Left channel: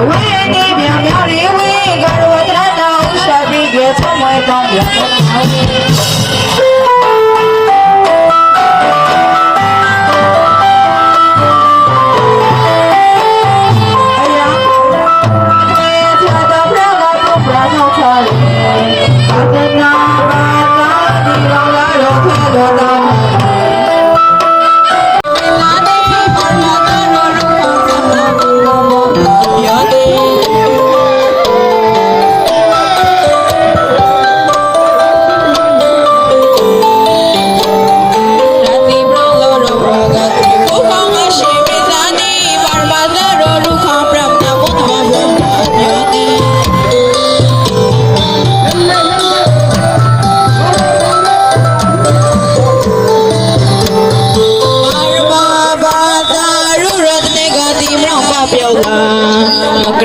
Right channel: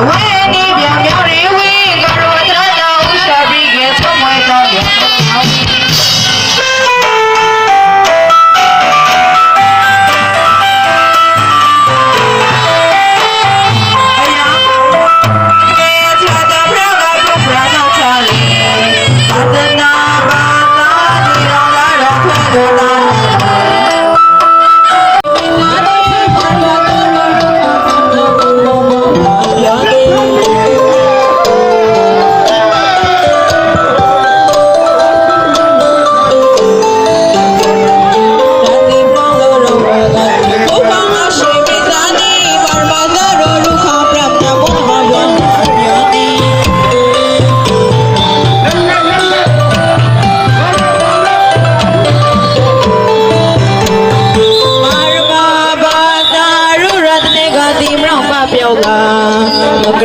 When you're ก